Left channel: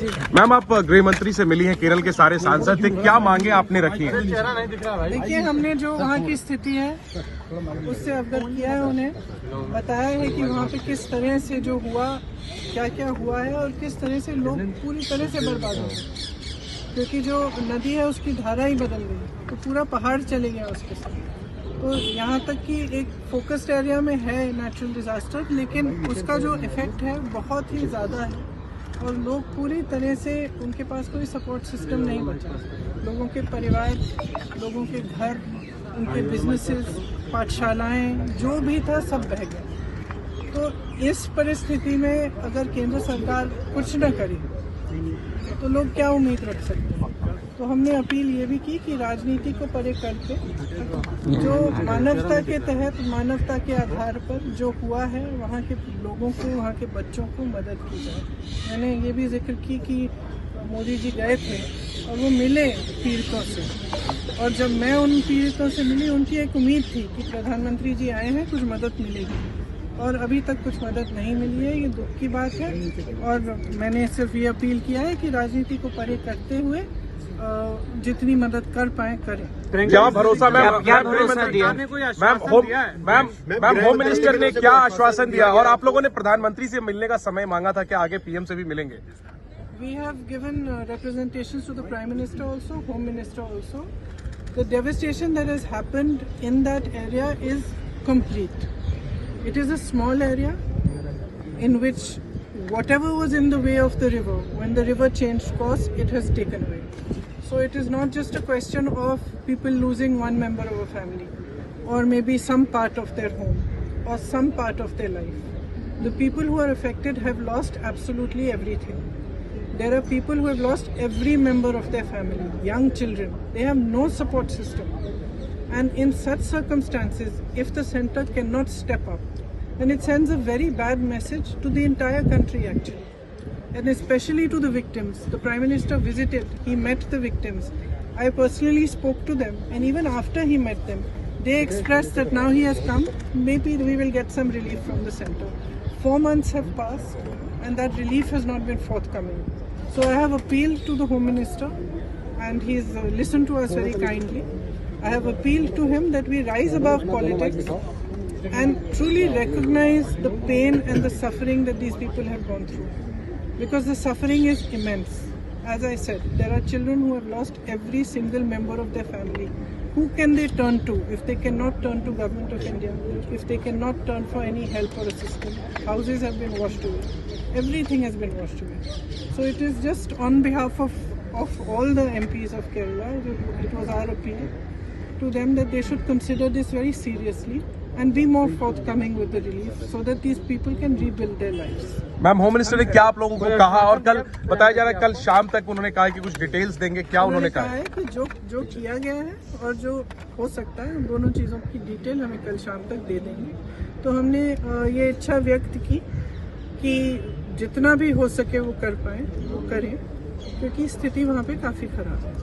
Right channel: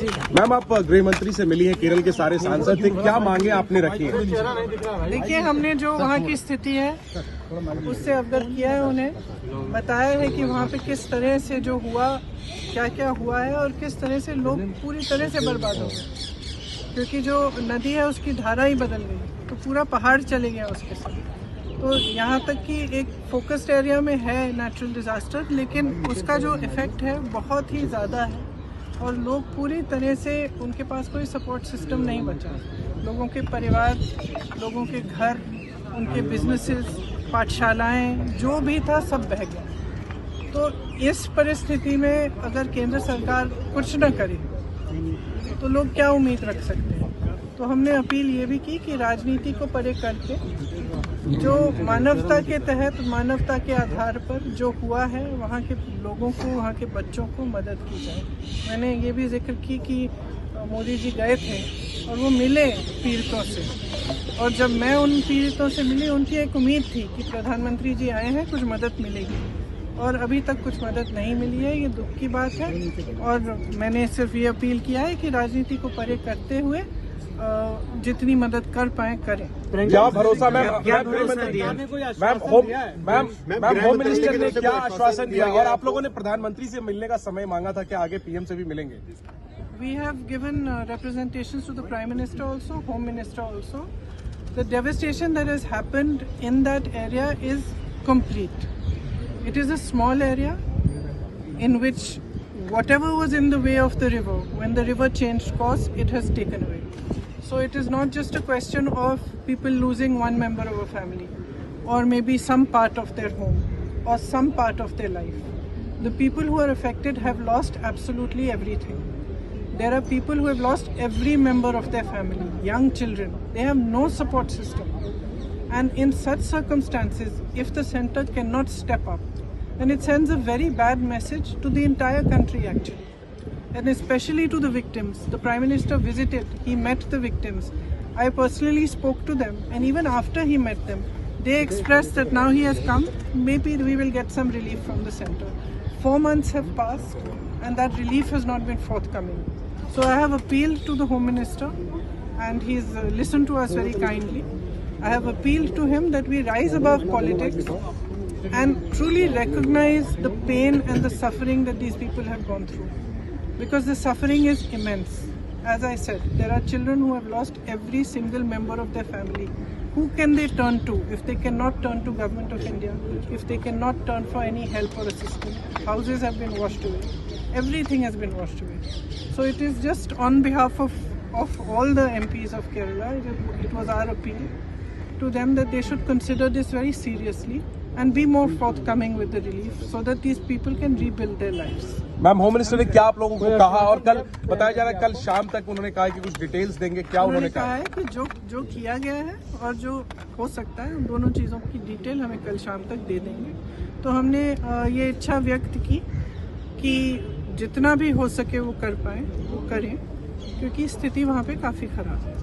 Ma'am, आप गृह मंत्री से मिली हैं, केरल के सारे सांसद थे, क्या मांगे आपने रखी है? देखिए, हमने जो वहाँ की स्थिति है उससे अवगत किया है, उन्हें बताया है कि वहाँ पे किस तरह से जो हुआ, क्या क्या हुआ है और किस तरह से लोग पूरी तरह से बर्बाद हो गए, क्योंकि जो नदी है उसकी धारा ही बदल गई, तो पूरा पहाड़ चले गया उसके साथ। तो यहाँ तक कि एक फोकस्ड एरिया में है नेचुरल डिजास्टर, लेकिन उसका जो इफेक्ट है बहुत ही ज़्यादा है और लोग पूरी तरह से, उनके पास कोई सपोर्ट सिस्टम नहीं बचा। लोगों के परिवार, लोगों के घर, उनके बिजनेसेस, पाठशालाएं, जो भी था सब बह गया। तो इस परिस्थिति में अगर केंद्र सरकार कुछ न करे तो लोग क्या उम्मीद रख सकते हैं। तो हमने अपील ये भी की कि राजनीति को परे करके जो मानवता के तहत, मानवता के आधार पर जो हुआ है, वहाँ के लोगों को, वहाँ के बच्चों को मदद की जाए। मैंने ये भी जिक्र की कि मोदी जी गए थे और वो मिले पीड़ितों से, और जब मैं उन पीड़ितों से मिली, उनकी एक उम्मीद थी कि प्रधानमंत्री जी आए हैं, कुछ मदद मिलेगी, और अभी तक कुछ मदद नहीं मिली है। ये दुख की बात है और मैंने सिर्फ ये अपील किया है कि राजनीति को परे करते हुए जितनी मदद कर पाए करें। क्या भरोसा क्या भरोसा दिया? मैम, होम मिनिस्टर ने क्या आश्वासन दिया और आप लोगों ने प्रधानमंत्री से मिलने का समय मांगा था, क्या आगे पीएम से भी मिलेंगे? We have given representations to the Prime Minister also, Home Minister also. The devastation that has happened in that area is complete. It is a small area in which whatever was in the way of the river, when the river changed course, it has taken away. So it is not just a question of people losing one member of a family, or maybe some part of their home, or some part of their life. The people who are affected have lost absolutely everything. There are people who have lost every member of their family, young children. They have no support system. And in such circumstances, if the center cannot step up, then it sends a very bad message to the entire country actually. And especially to the victims. The Prime Minister visited, he met the victims. I personally spoke to them, and even after he met them, they expressed that now he has come, maybe we will get some relief from the center. 4 months have passed and that relief has not been forthcoming. So I have appealed to the Home Minister, and he's listened to us very kindly. I have appealed to him that we rise above politics and truly recognize the pain and the suffering that these people have gone through. Because the suffering is immense. As I said, there are children who have lost every single member of their family. Who can they turn to if they cannot turn to Government of India, if they cannot turn for any help or assistance? Houses have been washed away. Everything has been washed away. So it is just on behalf of all the MPs of Kerala, it was our appeal to them that they should consider this very seriously and be more forthcoming with the relief so that these people can rebuild their lives. Ma'am, home minister ने क्या आप लोगों को कहा, और कल बताया जा रहा है कल शाम तक उन्होंने कहा कि कुछ डिटेल्स देंगे, क्या उन्होंने कहा है कि जो किया गया है और जो हो सकता है, उन दोनों चीज़ों की डिटेल हमें कल शाम तक दे देंगे। तो हमने ये इच्छा व्यक्त की कि जितना भी हो सके वो कर पाए, वो करें, क्योंकि स्थिति वहाँ पे काफ़ी खराब है।